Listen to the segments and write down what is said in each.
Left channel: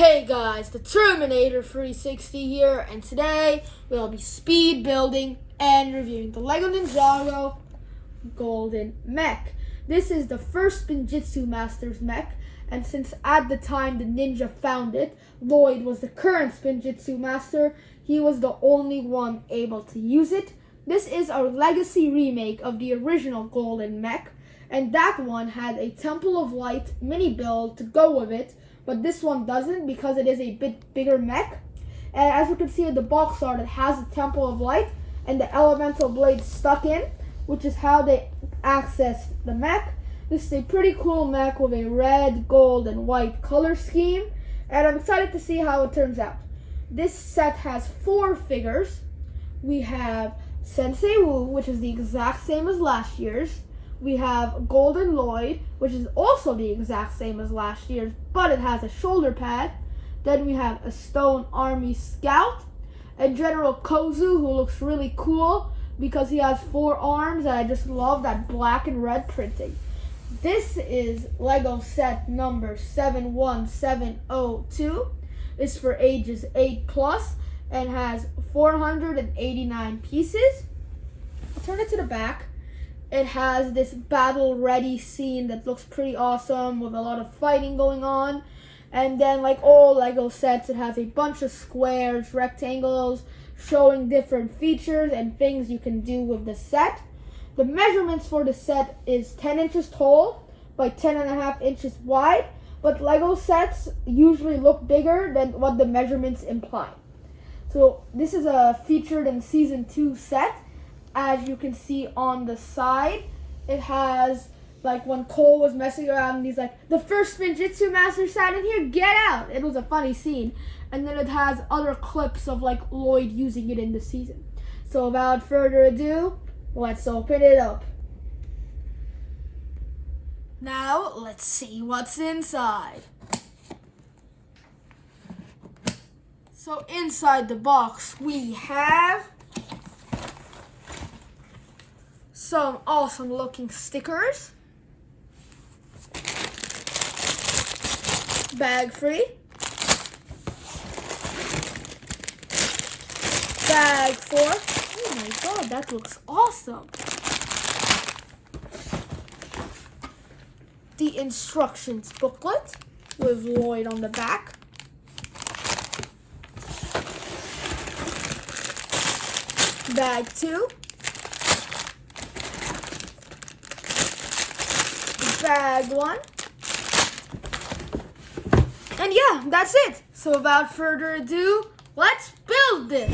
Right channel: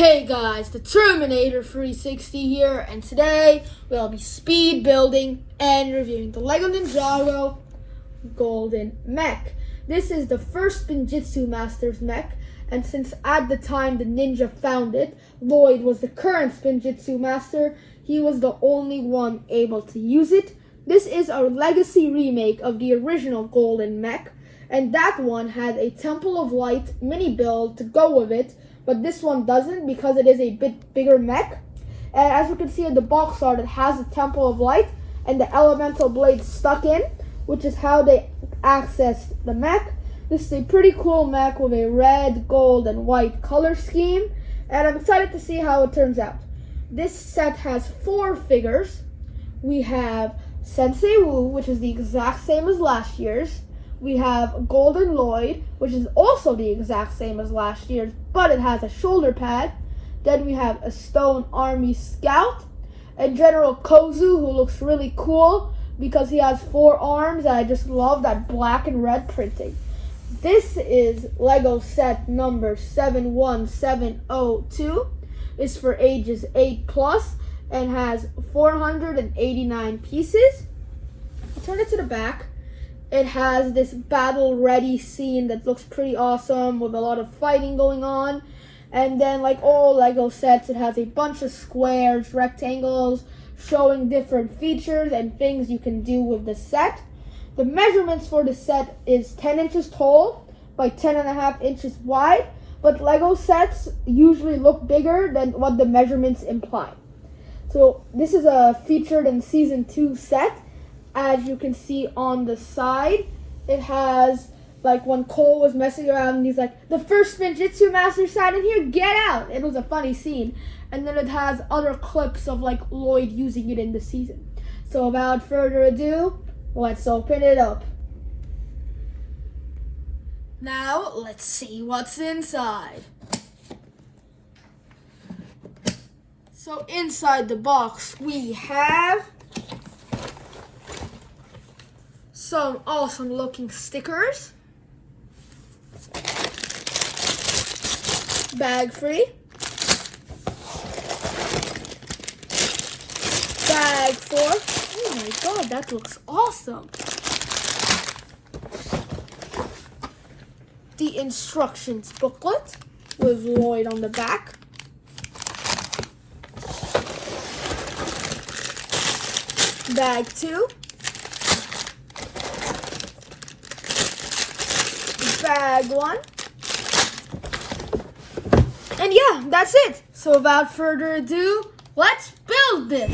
Hey guys, the Terminator 360 here, and today we'll be speed building and reviewing the LEGO Ninjago Golden Mech. This is the first Spinjitzu Master's mech, and since at the time the Ninja found it, Lloyd was the current Spinjitzu Master, he was the only one able to use it. This is our legacy remake of the original Golden Mech, and that one had a Temple of Light mini build to go with it, but this one doesn't because it is a bit bigger mech. And as you can see in the box art, it has a Temple of Light and the elemental blade stuck in, which is how they access the mech. This is a pretty cool mech with a red, gold, and white color scheme, and I'm excited to see how it turns out. This set has 4 figures. We have Sensei Wu, which is the exact same as last year's. We have Golden Lloyd, which is also the exact same as last year's, but it has a shoulder pad. Then we have a Stone Army Scout, and General Kozu, who looks really cool because he has 4 arms, and I just love that black and red printing. This is LEGO set number 71702. It's for ages 8+ and has 489 pieces. I'll turn it to the back. It has this battle-ready scene that looks pretty awesome with a lot of fighting going on. And then, like all LEGO sets, it has a bunch of squares, rectangles, showing different features and things you can do with the set. The measurements for the set is 10 inches tall by 10.5 inches wide, but LEGO sets usually look bigger than what the measurements imply. So this is a featured in Season 2 set. As you can see on the side, it has, like, when Cole was messing around and he's like, the first Spinjitzu Master sat in here, get out! It was a funny scene. And then it has other clips of, like, Lloyd using it in the season. So without further ado, let's open it up. Now, let's see what's inside. So inside the box, we have some awesome looking stickers, bag free, bag 4, oh my god, that looks awesome, the instructions booklet with Lloyd on the back, bag 2, bag 1, and yeah, that's it. So without further ado, let's build this.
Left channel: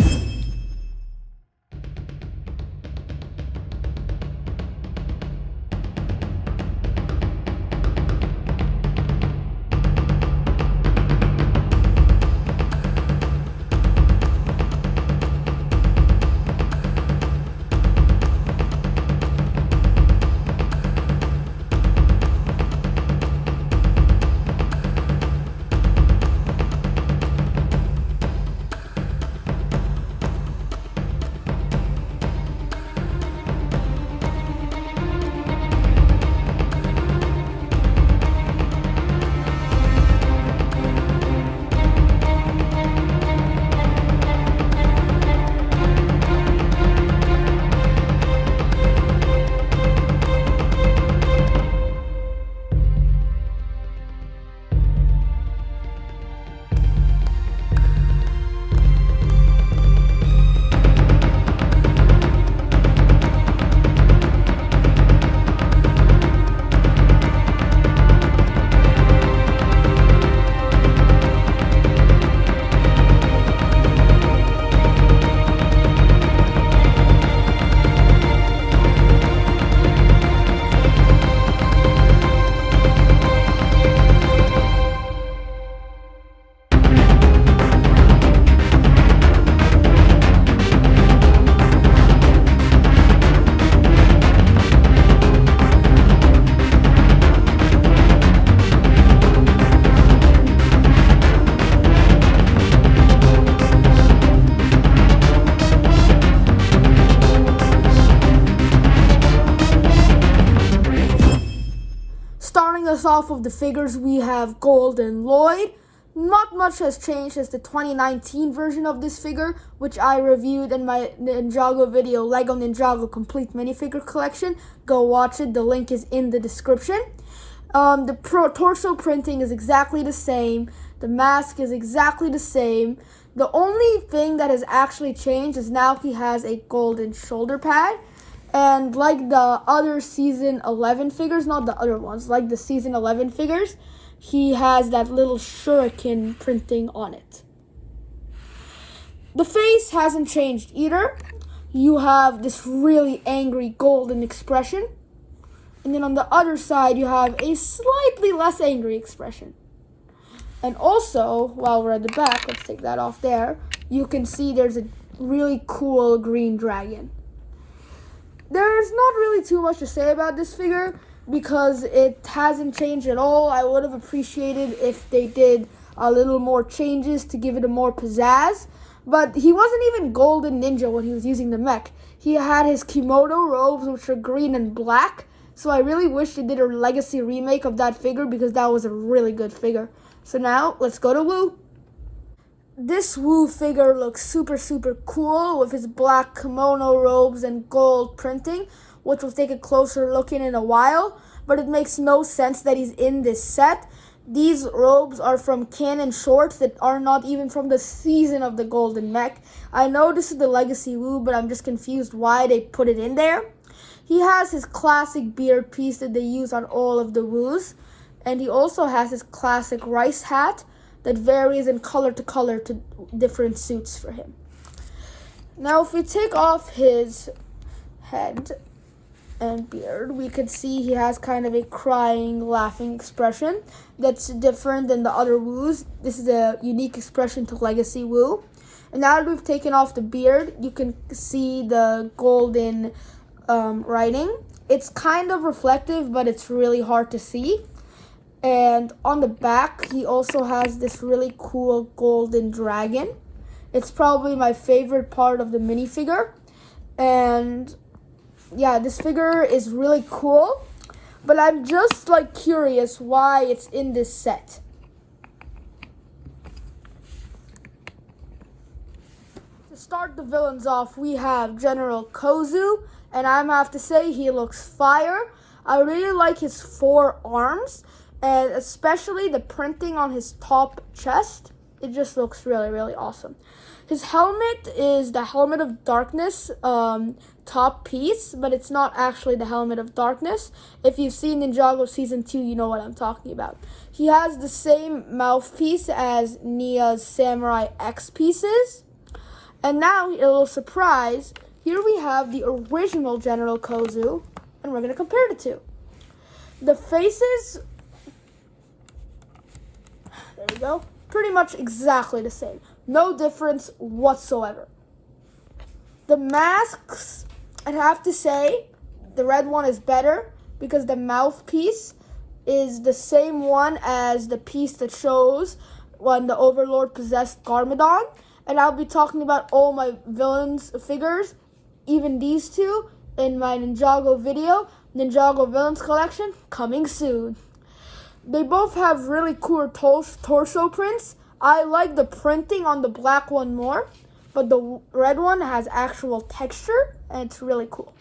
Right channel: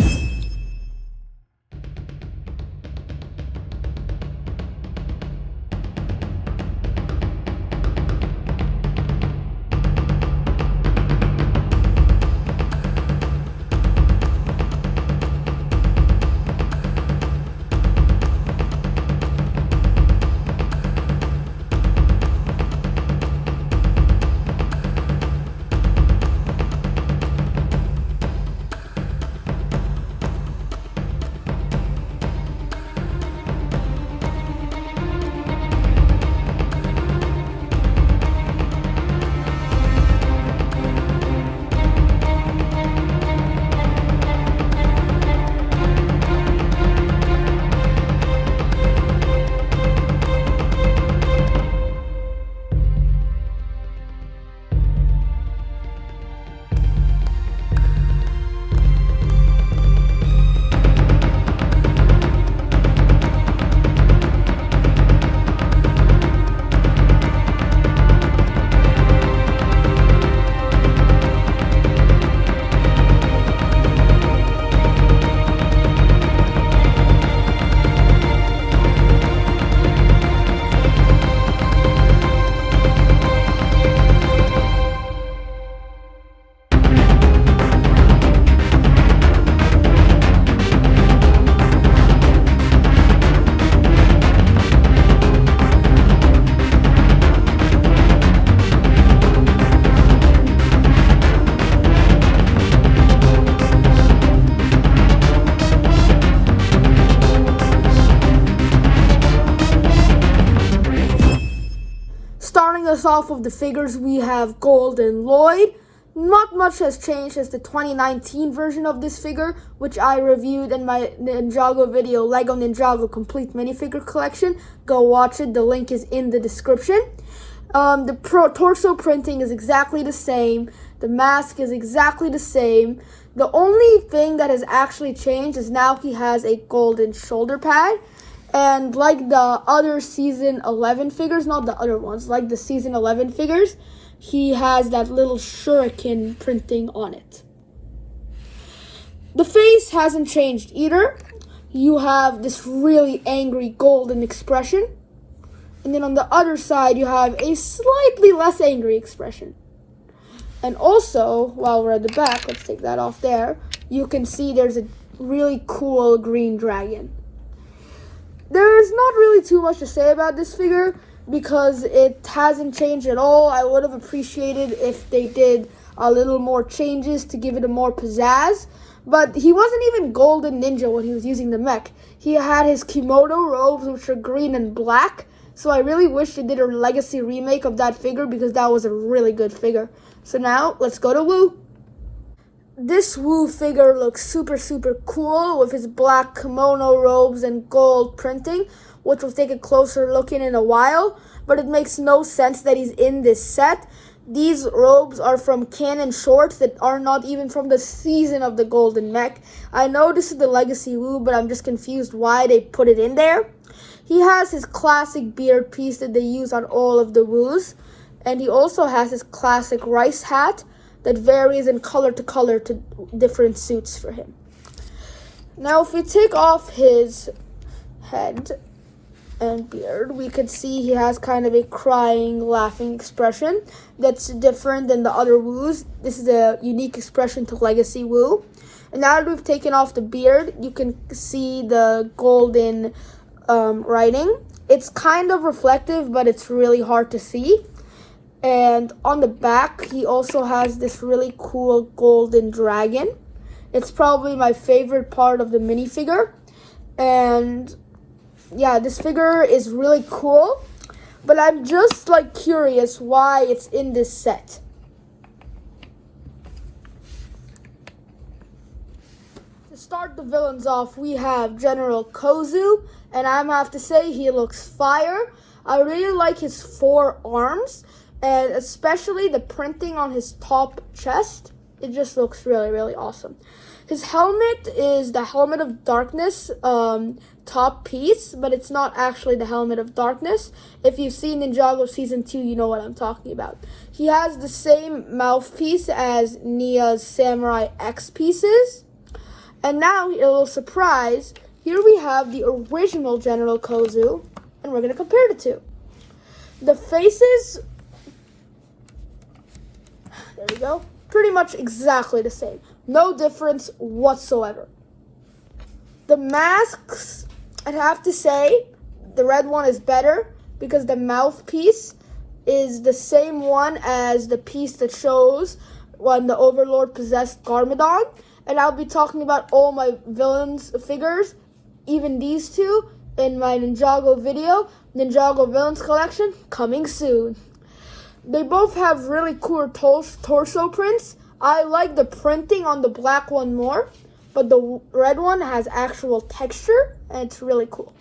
Starting us off of the figures, we have Golden Lloyd. Not much has changed as the 2019 version of this figure, which I reviewed in my Ninjago video, LEGO Ninjago Complete Minifigure Collection. Go watch it, the link is in the description. The torso printing is exactly the same. The mask is exactly the same. The only thing that has actually changed is now he has a golden shoulder pad. And like the other Season 11 figures, not the other ones, like the Season 11 figures, he has that little shuriken printing on it. The face hasn't changed either. You have this really angry golden expression. And then on the other side, you have a slightly less angry expression. And also, while we're at the back, let's take that off there, you can see there's a really cool green dragon. There's not really too much to say about this figure because it hasn't changed at all. I would have appreciated if they did a little more changes to give it a more pizzazz. But he wasn't even Golden Ninja when he was using the mech. He had his kimono robes, which are green and black. So I really wish they did a legacy remake of that figure because that was a really good figure. So now, let's go to Wu. This Wu figure looks super cool with his black kimono robes and gold printing, which we'll take a closer look in a while, but it makes no sense that he's in this set. These robes are from canon shorts that are not even from the season of the Golden Mech. I know this is the Legacy Wu, but I'm just confused why they put it in there. He has his classic beard piece that they use on all of the Wus, and he also has his classic rice hat that varies in color to different suits for him. Now, if we take off his head and beard, we can see he has kind of a crying, laughing expression that's different than the other Wus. This is a unique expression to Legacy Wu. And now that we've taken off the beard, you can see the golden writing. It's kind of reflective, but it's really hard to see. And on the back, he also has this really cool golden dragon. It's probably my favorite part of the minifigure. And yeah, this figure is really cool. But I'm just curious why it's in this set. To start the villains off, we have General Kozu. And I have to say, he looks fire. I really like his 4 arms. And especially the printing on his top chest. It just looks really awesome. His helmet is the Helmet of Darkness top piece, but it's not actually the Helmet of Darkness. If you've seen Ninjago Season 2, you know what I'm talking about. He has the same mouthpiece as Nia's Samurai X pieces. And now, a little surprise, here we have the original General Kozu, and we're going to compare the two. The faces, there we go, pretty much exactly the same. No difference whatsoever. The masks, I'd have to say, the red one is better because the mouthpiece is the same one as the piece that shows when the Overlord possessed Garmadon. And I'll be talking about all my villains figures, even these two, in my Ninjago video, Ninjago Villains Collection, coming soon. They both have really cool torso prints. I like the printing on the black one more, but the red one has actual texture, and it's really cool.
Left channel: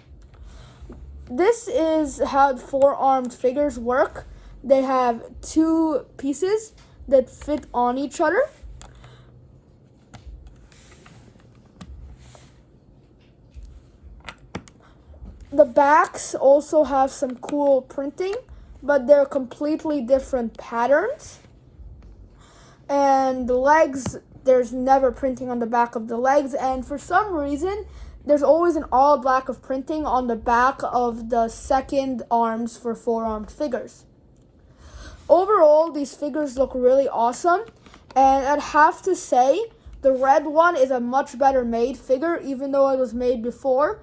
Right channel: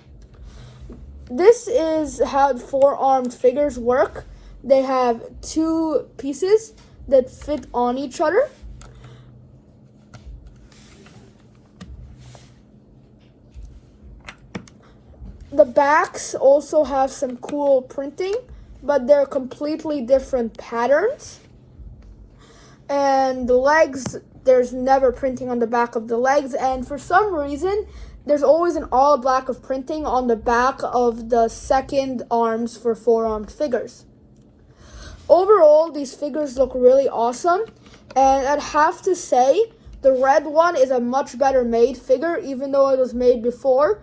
This is how 4-armed figures work. They have 2 pieces that fit on each other. The backs also have some cool printing, but they're completely different patterns. And the legs, there's never printing on the back of the legs, and for some reason, there's always an all black of printing on the back of the second arms for 4-armed figures. Overall, these figures look really awesome, and I'd have to say, the red one is a much better made figure, even though it was made before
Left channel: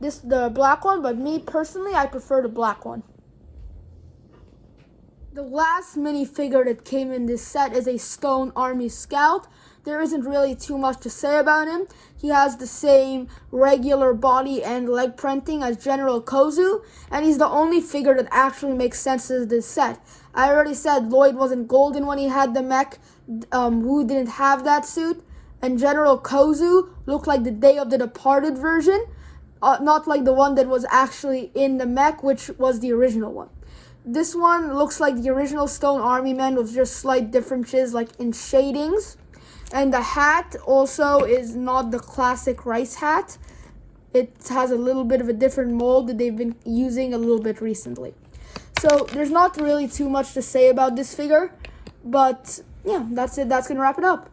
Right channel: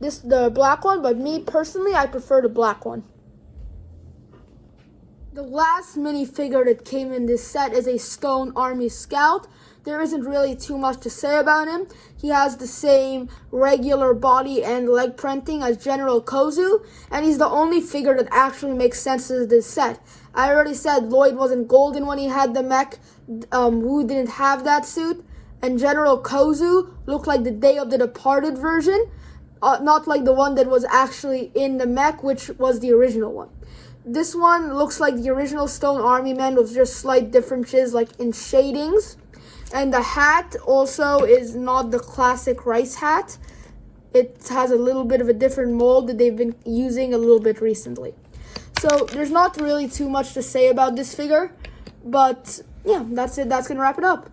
the black one, but me personally, I prefer the black one. The last minifigure that came in this set is a Stone Army Scout. There isn't really too much to say about him. He has the same regular body and leg printing as General Kozu, and he's the only figure that actually makes sense to this set. I already said Lloyd wasn't golden when he had the mech. Wu didn't have that suit. And General Kozu looked like the Day of the Departed version, not like the one that was actually in the mech, which was the original one. This one looks like the original Stone Army Man with just slight differences like in shadings. And the hat also is not the classic rice hat. It has a little bit of a different mold that they've been using a little bit recently. So there's not really too much to say about this figure, but yeah, that's it. That's gonna wrap it up.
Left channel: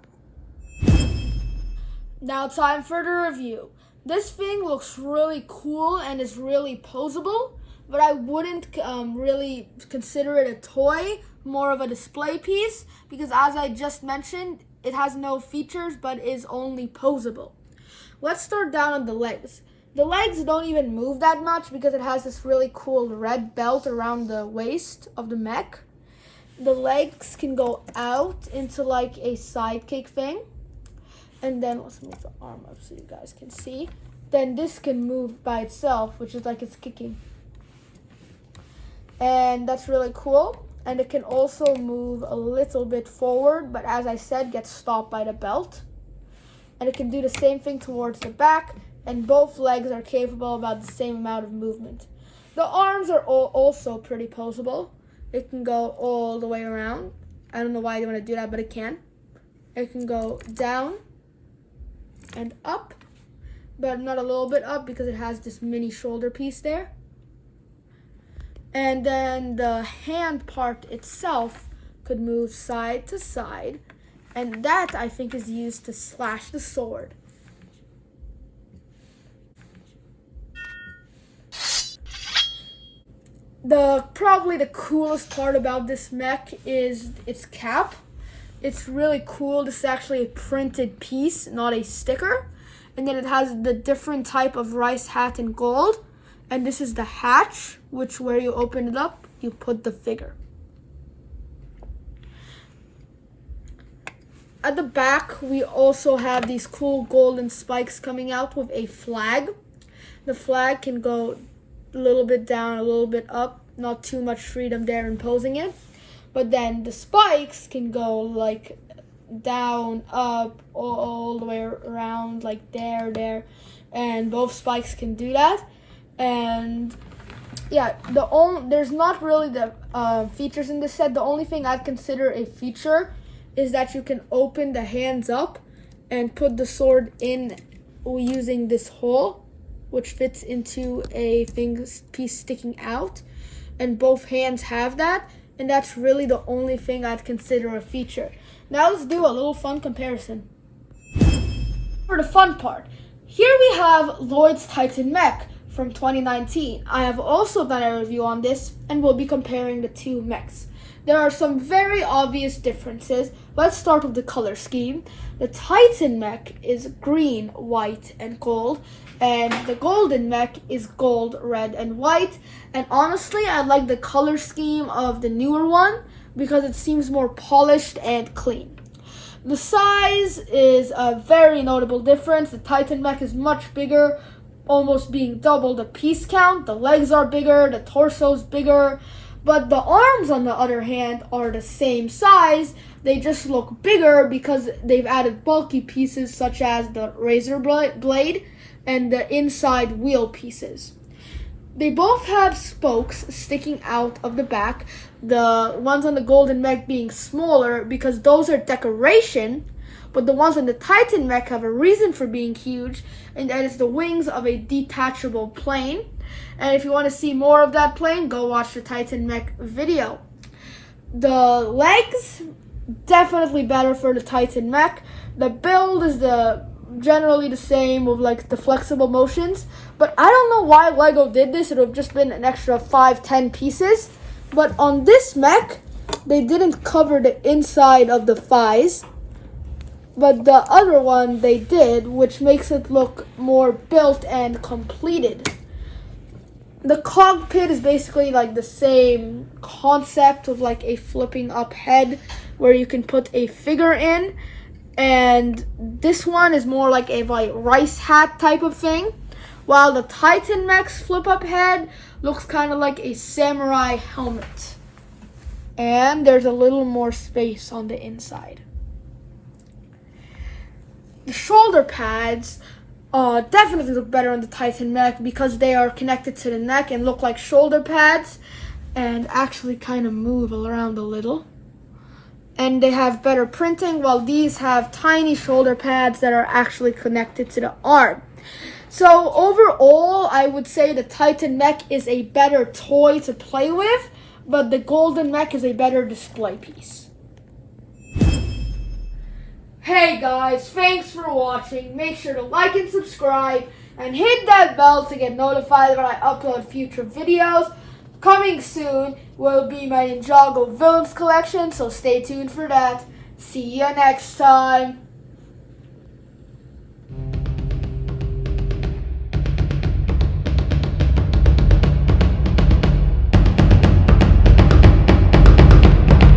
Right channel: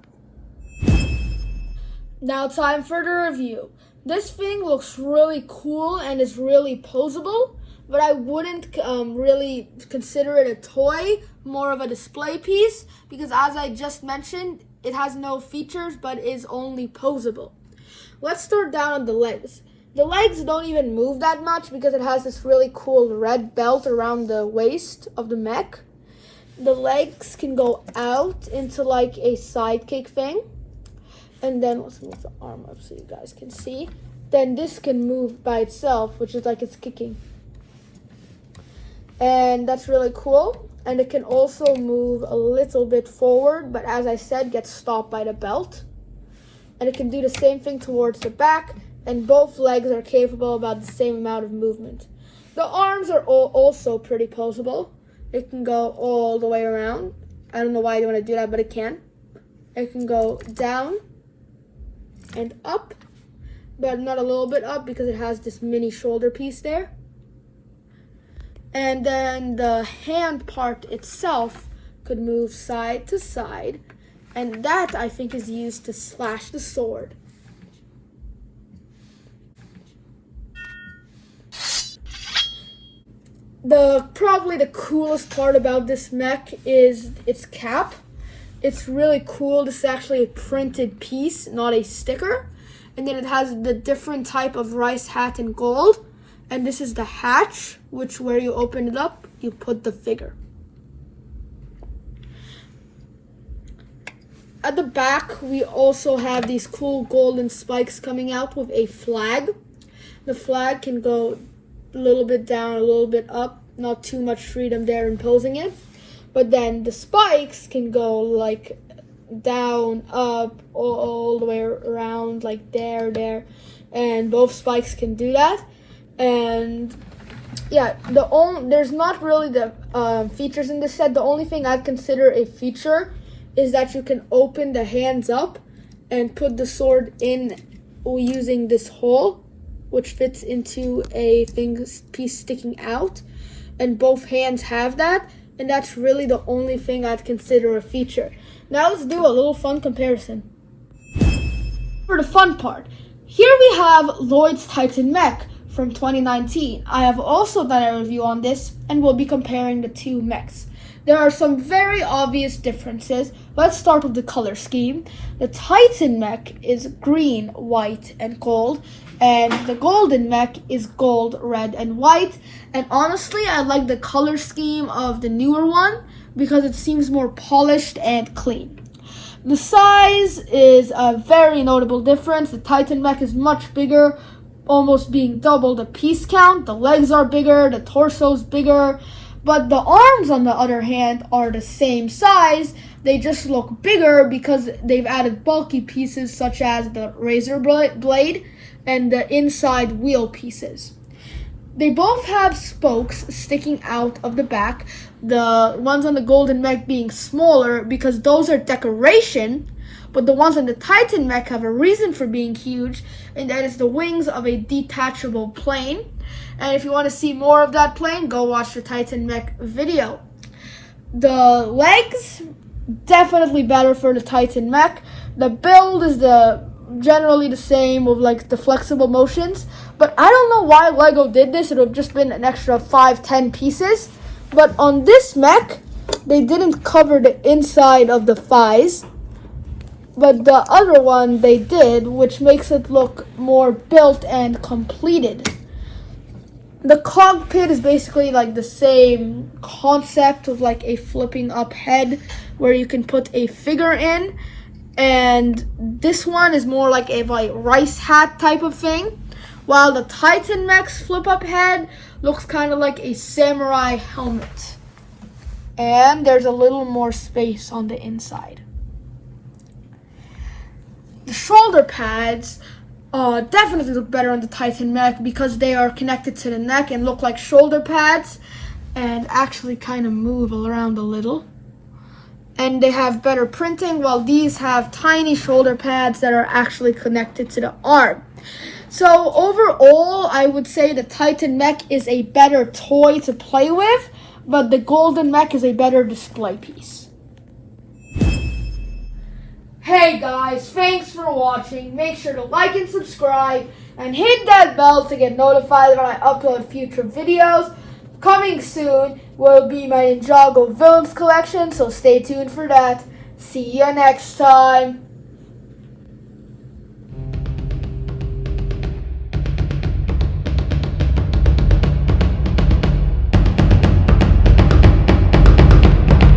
Now time for the review. This thing looks really cool and is really posable, but I wouldn't really consider it a toy, more of a display piece, because as I just mentioned, it has no features but is only posable. Let's start down on the legs. The legs don't even move that much because it has this really cool red belt around the waist of the mech. The legs can go out into like a sidekick thing. And then let's move the arm up so you guys can see. Then this can move by itself, which is like it's kicking. And that's really cool. And it can also move a little bit forward, but as I said, gets stopped by the belt. And it can do the same thing towards the back, and both legs are capable about the same amount of movement. The arms are also pretty posable. It can go all the way around. I don't know why you want to do that, but it can. It can go down and up, but not a little bit up because it has this mini shoulder piece there. And then the hand part itself could move side to side, and that I think is used to slash the sword. Probably the coolest part about this mech is its cap. It's really cool. This is actually a printed piece, not a sticker. And then it has the different type of rice hat in gold. And this is the hatch, which where you open it up, you put the figure. At the back, we also have these cool golden spikes coming out with a flag. The flag can go a little bit down, a little bit up. Not too much freedom there in posing it. But then the spikes can go like down, up, all the way around, like there. And both spikes can do that. And yeah, there's not really the features in this set. The only thing I'd consider a feature is that you can open the hands up and put the sword in using this hole, which fits into a piece sticking out. And both hands have that. And that's really the only thing I'd consider a feature. Now let's do a little fun comparison. For the fun part, here we have Lloyd's Titan Mech from 2019. I have also done a review on this and we'll be comparing the two mechs. There are some very obvious differences. Let's start with the color scheme. The Titan Mech is green, white, and gold, and the Golden Mech is gold, red, and white. And honestly, I like the color scheme of the newer one because it seems more polished and clean. The size is a very notable difference. The Titan Mech is much bigger, almost being double the piece count. The legs are bigger, the torso's bigger. But the arms, on the other hand, are the same size. They just look bigger because they've added bulky pieces such as the razor blade and the inside wheel pieces. They both have spokes sticking out of the back. The ones on the Golden Mech being smaller because those are decoration, but the ones on the Titan Mech have a reason for being huge, and that is the wings of a detachable plane. And if you want to see more of that plane, go watch the Titan Mech video. The legs, definitely better for the Titan Mech. The build is generally the same with like the flexible motions, but I don't know why LEGO did this. It would have just been an extra 5-10 pieces. But on this mech, they didn't cover the inside of the thighs, but the other one they did, which makes it look more built and completed. The cockpit is basically like the same concept of like a flipping up head where you can put a figure in, and this one is more like a rice hat type of thing, while the Titan Mech's flip up head looks kind of like a samurai helmet. and there's a little more space on the inside. The shoulder pads definitely look better on the Titan Mech because they are connected to the neck and look like shoulder pads and actually kind of move around a little. And they have better printing, while these have tiny shoulder pads that are actually connected to the arm. So overall, I would say the Titan Mech is a better toy to play with, but the Golden Mech is a better display piece. Hey guys, thanks for watching. Make sure to like and subscribe and hit that bell to get notified when I upload future videos. Coming soon will be my Ninjago Villains collection, so stay tuned for that. See you next time.